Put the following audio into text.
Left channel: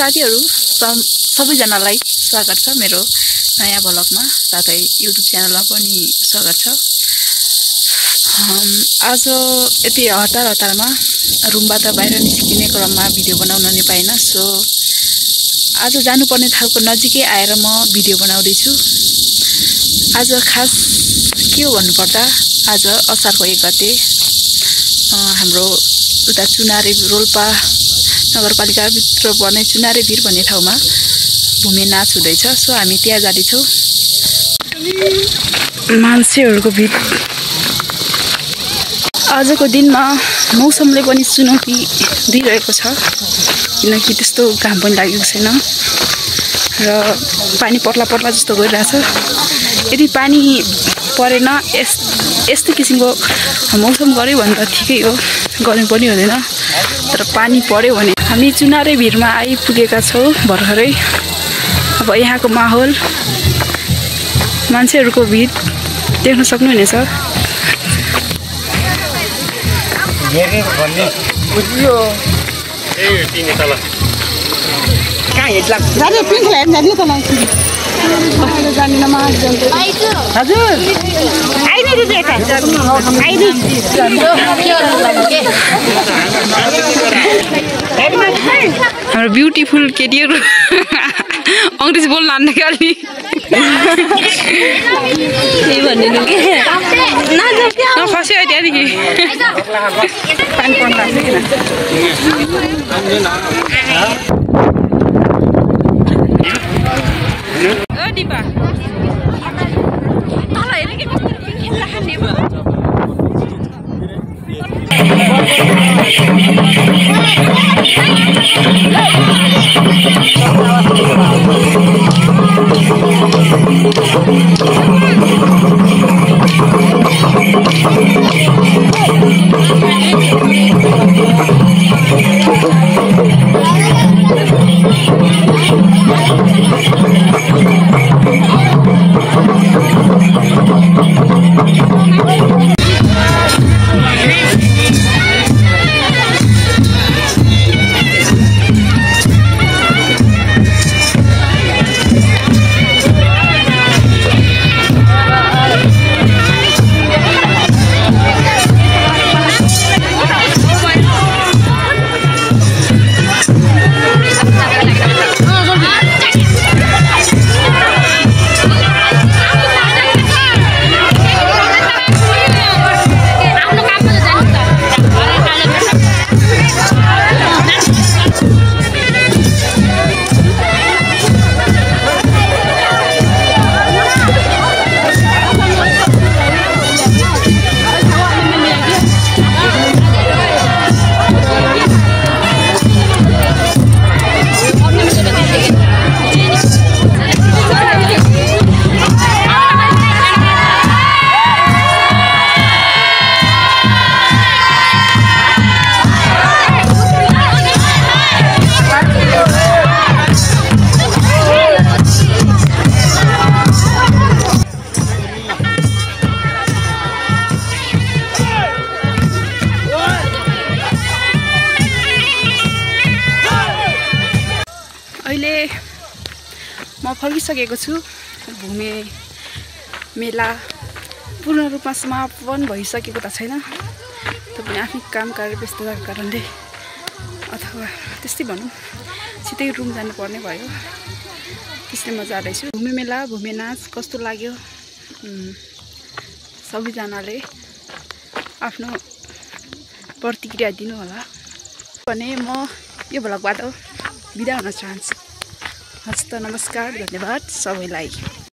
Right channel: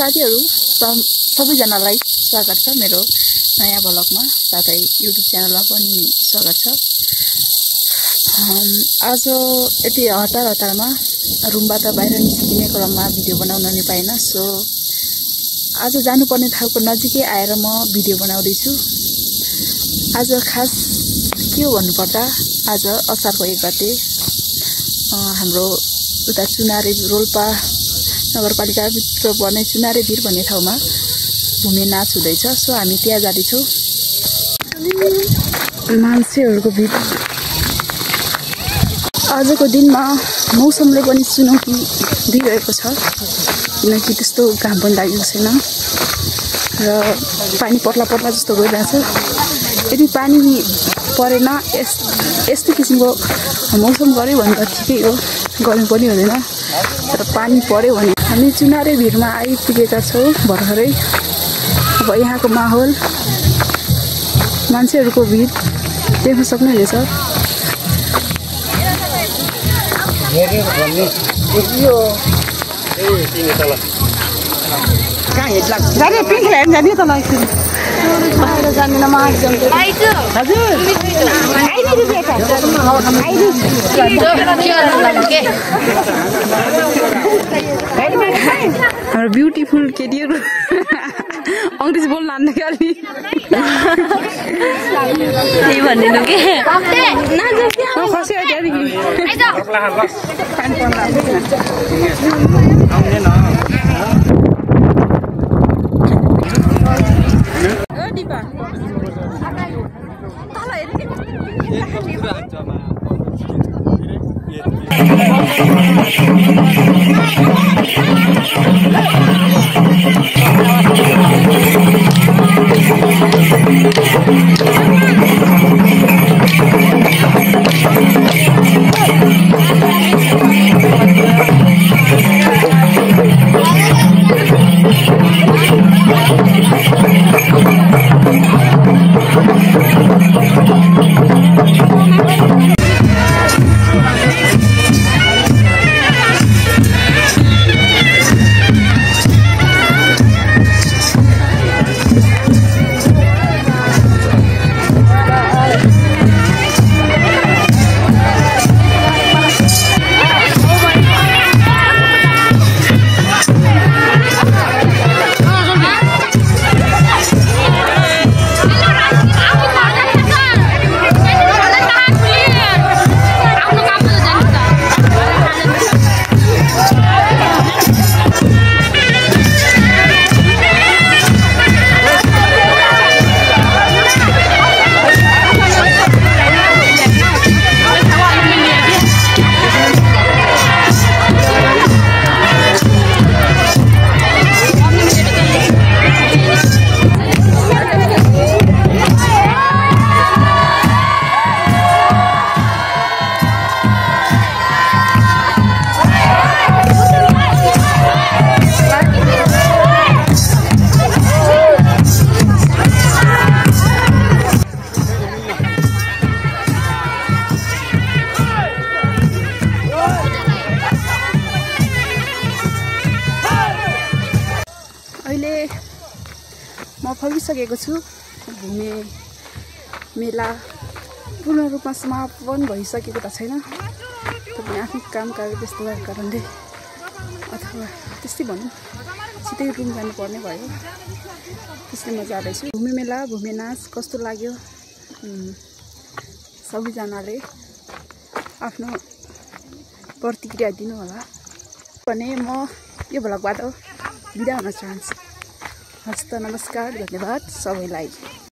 साथीहरु सबैजनालाई स्वागत छ मेरो नयाँ भ्लगमा साथै युट्युब च्यानलमा पनि स्वागत छ। आज यति हतारमा रुमबाट बाहिर निस्किने क्रममा भिडियो बनाउन नि पाइन, सो आज जानुपर्ने ठाउँको नजिकै आएर म भिडियो बनाउँदै छु। आज खास के भन्नुपर्दा आज असारको 1 गते हाम्रो उता चुनारे रोल्पा नगरपालिका भित्र पर्ने चुनारे भिर भन्ने ठाउँमा भूमि नाच हुँदैछ। सो हामी त्यहाँ जाँदैछौँ। मान्छेहरुको भिड। आजको दिनमा मौसमले पनि चुनौती दिइरहेको छ, किनकि त्यस्तो घाम पनि लागेको छैन र पानी पत्ला जस्तो गइरहेछ। यदि पानी परेन यस्तो किसिमको मौसम गर्यो भने त ठिकै हो, गर्नु पनि हुँदैन। तर पानी पर्यो भने हामी चुनारे भिरमा आइपुगेका छौँ भर्खरै। अब यहाँको माहौल मान्छेहरुको भिड देख्न सक्नुहुनेछ। हाम्रो ब्युटिफुल केटीहरु अंग्रेजी बोल्न आन्ने खाली त्यही भन्दिनु के खस्यो त्यहाँदेखि पानी पर्न लाग्छ फर्किसकेको छु। भूमि मेला पूर्ण रूपमा समापन भइसकेको त छैन, तपाईँ आफ्नै काम कार्य व्यस्तताको कारणले अथवा त्यस्तै भनौँ छिटै रुम जानुपर्ने भयो, त्यसले म जाँदैछु। भूमि मेला भूमि नाच कस्तो लाग्यो सबैजनाले आफ्नो प्रतिक्रिया दिनु होला भने म यो भ्लगबाट बिदा हुन चाहन्छु। हस्त नमस्कार, धन्यवाद सबैलाई।